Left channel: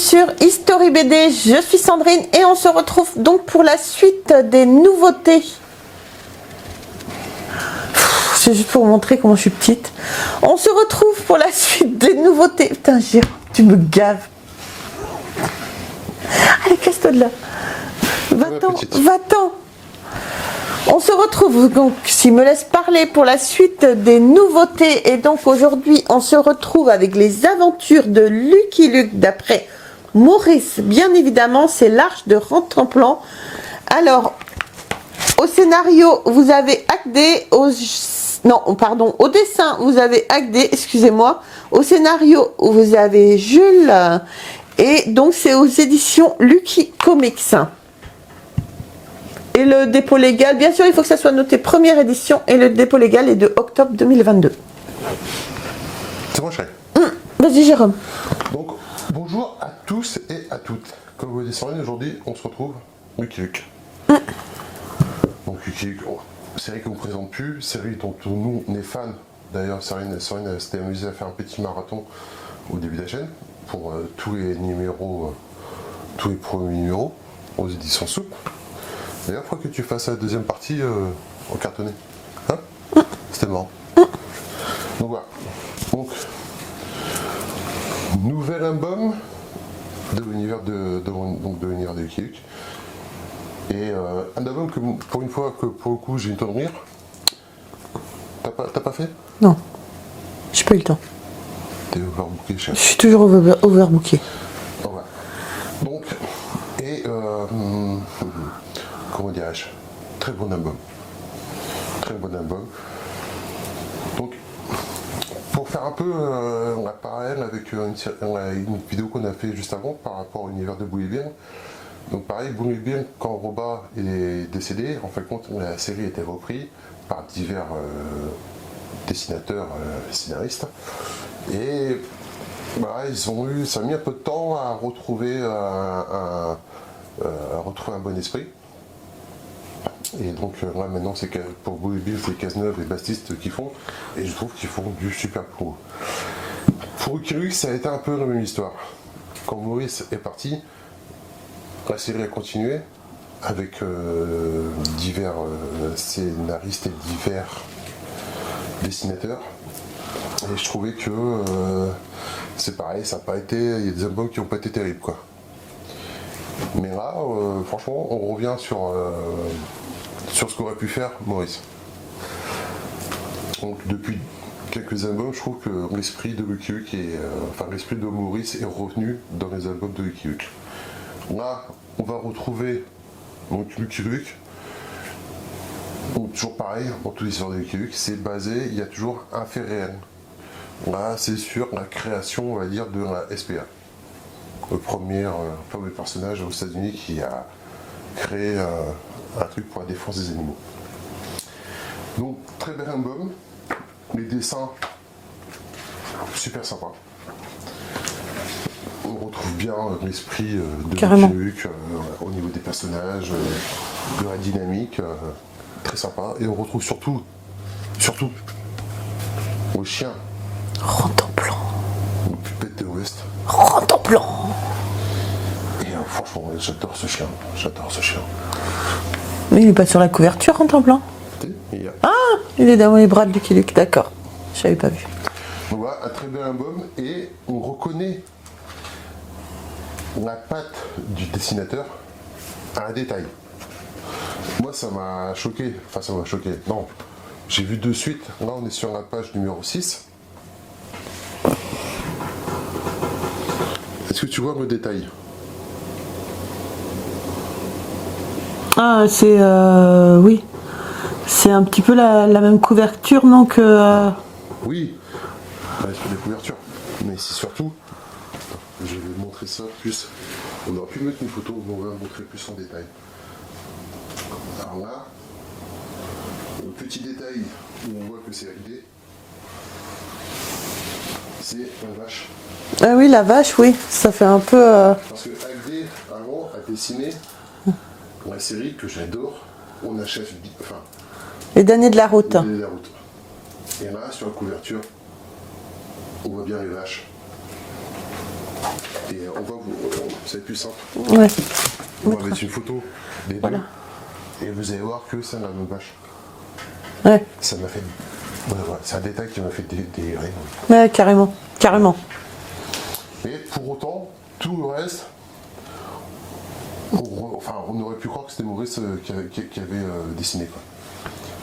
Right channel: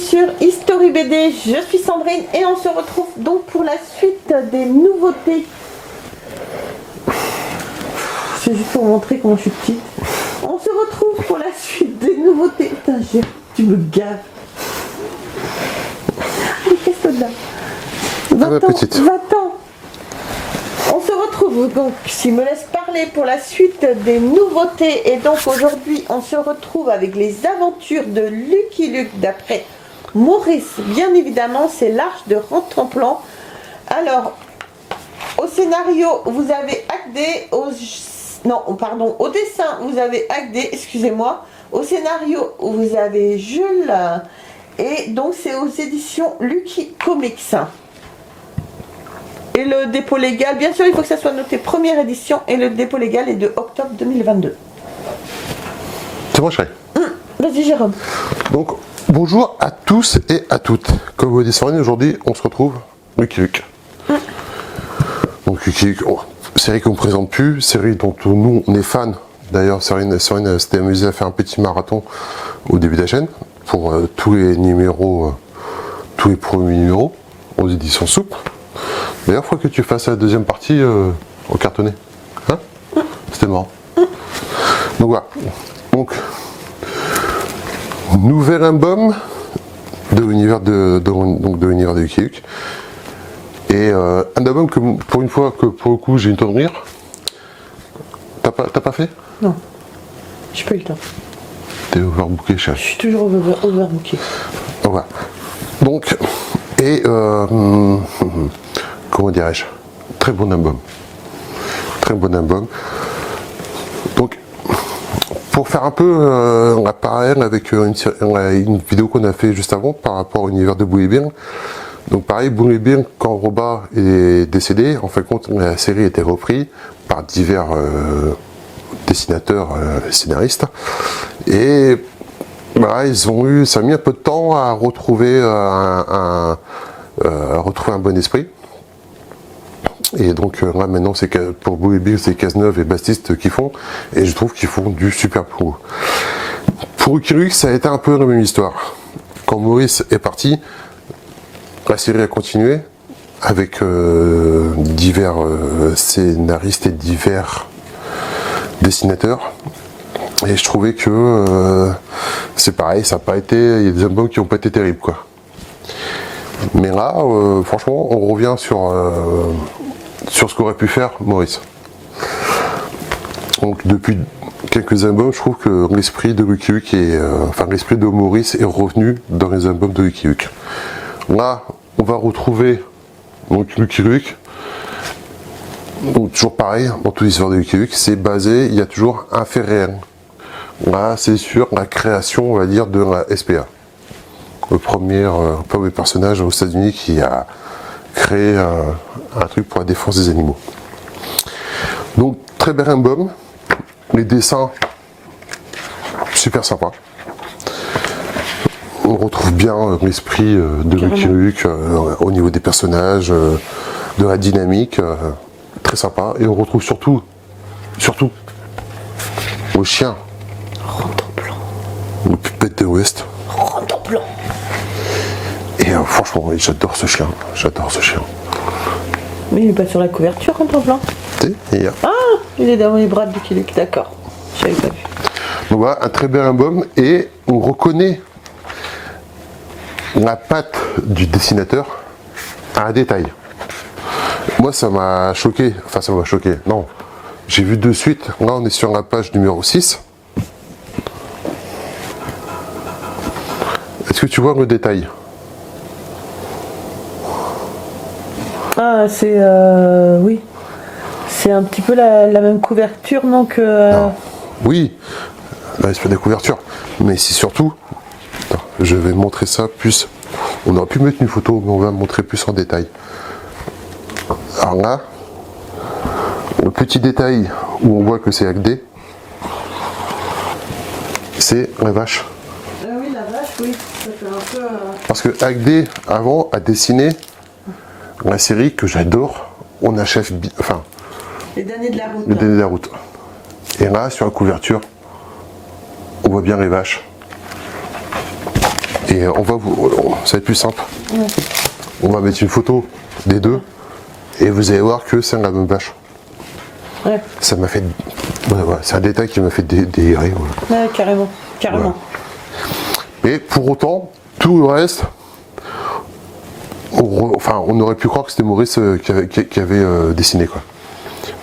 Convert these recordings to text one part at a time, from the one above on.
sur History BD, je suis Sandrine et on se retrouve donc pour la suite des nouveautés. C'est juste pour montrer comment je suis petite. On se retrouve pour la suite des nouveautés. Putain, tu me gaves. Allez, casse-toi de là. Va-t'en. On se retrouve donc, s'il me laisse parler, pour la suite des nouveautés. Et donc aujourd'hui, on se retrouve avec les aventures de Lucky Luke d'après Maurice. Bien évidemment, c'est l'Arche de Rantanplan. Alors, au scénario, vous avez Agdé. Au dessin, vous avez Agdé, excusez-moi. Au scénario, vous avez Jules. Et donc, c'est aux éditions Lucky Comics. Et le dépôt légal, bien sûr, il faut que ça soit noté première édition. Et le dépôt légal est de octobre 2022. C'est bon, chérie. Vas-y, Jérôme. Donc, bonjour à tous et à toutes. Comme vous le dites, aujourd'hui, on se retrouve Lucky Luke. Donc, Lucky Luke, série qu'on ne présente plus, série dont nous, on est fans. D'ailleurs, Cyrine s'était amusée à faire un petit marathon au début de la chaîne pour tous les numéros, tous les premiers numéros aux éditions Soupe. D'ailleurs, il faut que tu fasses la deuxième partie en cartonné. Hein? C'était marrant. Donc voilà. Donc, nouvel album de l'univers de l'univers de Lucky Luke. Et un album que pour une fois que pour le coup j'ai une tonne de rire. T'as pas fait? Non. J'ai pas eu le temps. T'es overbooké, chef. Je suis toujours overbooké. Voilà. Donc, et comment dirais-je, très bon album. Très bon album. Donc, pour faire un peu un parallèle avec une vidéo qu'on a fait juste avant par rapport à l'univers de Boule et Bill. Donc pareil, Boule et Bill, quand Roba est décédé, en fin de compte, la série a été reprise par divers dessinateurs et scénaristes. Et voilà, ça a mis un peu de temps à retrouver un bon esprit. Et donc là maintenant c'est pour Boule et Bill, c'est Cazeneuve et Bastiste qui font, et je trouve qu'ils font du super pro. Pour Lucky Luke, ça a été un peu la même histoire. Quand Maurice est parti, la série a continué avec divers scénaristes et divers dessinateurs. Et je trouvais que c'est pareil, ça n'a pas été. Il y a des albums qui n'ont pas été terribles, quoi. Mais là, franchement, on revient sur ce qu'aurait pu faire Maurice. Donc depuis quelques albums, je trouve que l'esprit de Lucky Luke l'esprit de Maurice est revenu dans les albums de Lucky Luke. Là, on va retrouver donc Lucky Luke. Donc toujours pareil, dans toute l'histoire de Lucky Luke, c'est basé, il y a toujours un fait réel. Là, c'est sur la création, on va dire, de la SPA. Le premier personnage aux États-Unis qui a créé un truc pour la défense des animaux. Donc, très bel album. Les dessins, super sympa. On retrouve bien l'esprit de Lucky Luke au niveau des personnages, de la dynamique. Très sympa. Et on retrouve surtout, le chien. Rantanplan. Le pupette de l'Ouest. Rantanplan. Et franchement, j'adore ce chien. Mais il n'est pas sur la couverture, Rantanplan. Il est dans les bras de Lucky Luke, d'accord. Je l'avais pas vu. Donc voilà, un très bel album. Et on reconnaît la patte du dessinateur à un détail. Moi, ça m'a choqué. Enfin, ça m'a choqué. Non. J'ai vu de suite. Là, on est sur la page numéro 6. Est-ce que tu vois le détail? Ah, c'est... oui. C'est un petit peu la même couverture, non que... Oui. Là, c'est pas des couvertures. Mais c'est surtout... Attends, je vais montrer ça plus... On aurait pu mettre une photo, mais on va montrer plus en détail. Alors là, le petit détail où on voit que c'est Agdé, c'est la vache. Ah oui, la vache, oui, ça fait un peu... Parce que Agdé, avant, a dessiné la série que j'adore, On achève... Enfin... Les derniers de la route. Les derniers de la route. Et là, sur la couverture, on voit bien les vaches. Et ça va être plus simple. Ouais. On va mettre une photo des deux et vous allez voir que c'est la même vache. Ouais. Ça m'a fait. C'est un détail qui m'a fait délirer. Ouais. Ouais, carrément. Carrément. Ouais. Et pour autant, tout le reste, on aurait pu croire que c'était Maurice qui avait dessiné, quoi.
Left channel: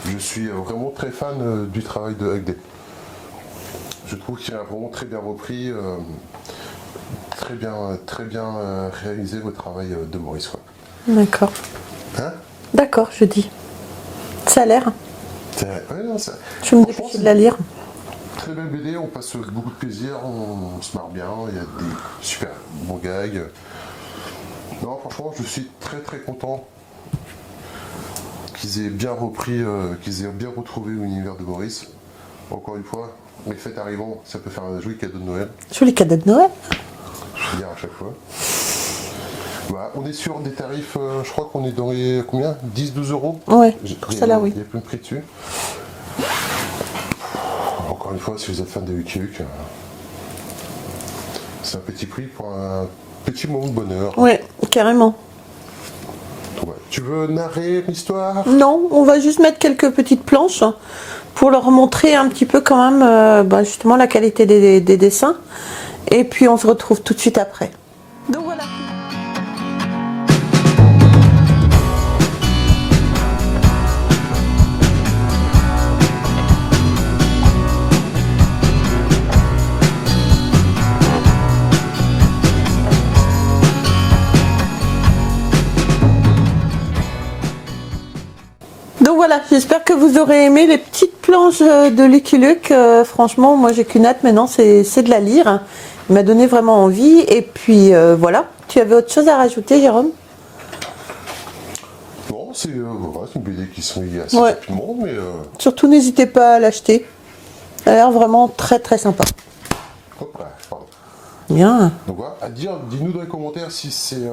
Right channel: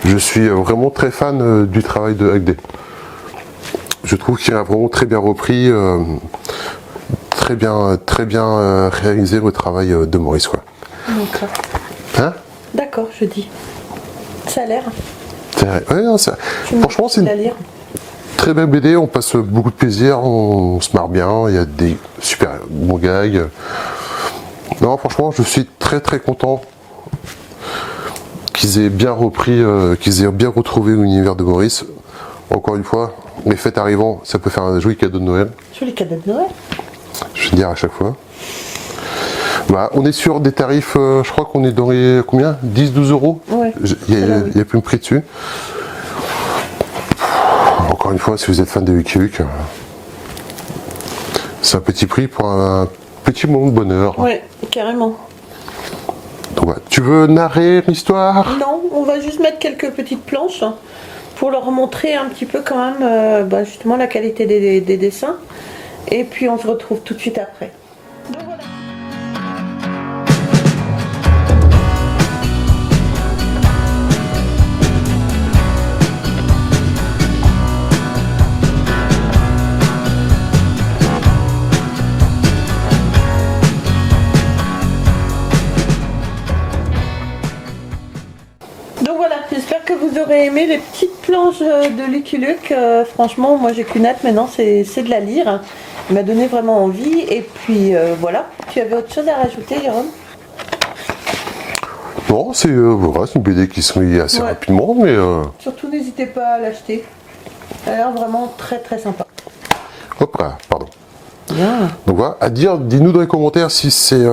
Je suis vraiment très fan du travail de Hugday. Je trouve qu'il a vraiment très bien repris, très bien réalisé le travail de Maurice, quoi. D'accord. Hein? D'accord, je dis. Ça a l'air. Ouais, non, franchement, c'est à lire. très belle BD, on passe beaucoup de plaisir, on se marre bien, il y a des super bons gags. Non, franchement, je suis très très content qu'ils aient bien repris, qu'ils aient bien retrouvé l'univers de Maurice. Encore une fois, les fêtes arrivant, ça peut faire un joli cadeau de Noël. Joli cadeau de Noël. Je vais le dire à chaque fois. Bah, on est sur des tarifs, je crois qu'on est dans les combien 10-12 euros. Oui. Il n'y a plus de prix dessus. Encore une fois, si vous êtes fan de Lucky Luke, c'est un petit prix pour un petit moment de bonheur. Oui, carrément. Donc, voilà. Tu veux narrer l'histoire? Non, on va juste mettre quelques petites planches pour leur montrer un petit peu quand même justement la qualité des dessins. Et puis on se retrouve tout de suite après. Donc voilà. Donc voilà, j'espère que vous aurez aimé les petites planches de Lucky Luke. Franchement, moi j'ai qu'une hâte maintenant, c'est de la lire. Il m'a donné vraiment envie. Et puis voilà, tu avais autre chose à rajouter, Jérôme? Non, c'est une BD qui se lit assez rapidement, mais... Surtout n'hésitez pas à l'acheter. Ça a l'air vraiment très très sympa. Hop là, pardon. Bien. Donc voilà, dis-nous dans les commentaires si c'est...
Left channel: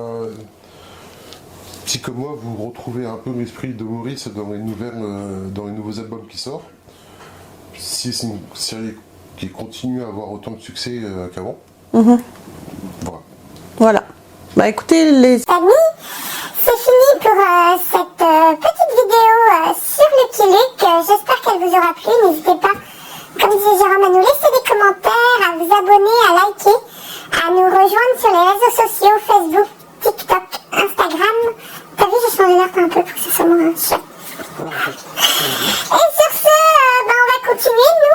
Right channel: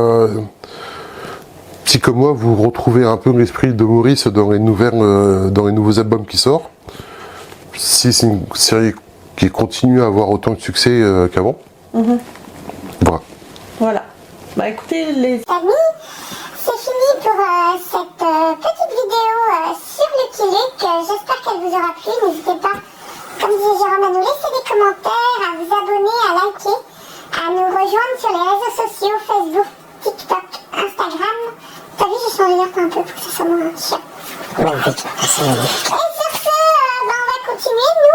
Si comme moi vous retrouvez un peu l'esprit de Maurice dans les nouveaux albums qui sortent, si c'est une série qui continue à avoir autant de succès qu'avant. Voilà. Voilà. Bah écoutez les amis, c'est fini pour cette petite vidéo sur Lucky Luke. J'espère qu'elle vous aura plu. N'hésitez pas, comme disait Jérôme, à nous laisser des commentaires, à vous abonner, à liker, à nous rejoindre sur les réseaux sociaux, Facebook, TikTok, Instagram. T'as vu, j'ai changé l'air un peu pour que ça soit moins chiant. Et sur ce, on va continuer, nous,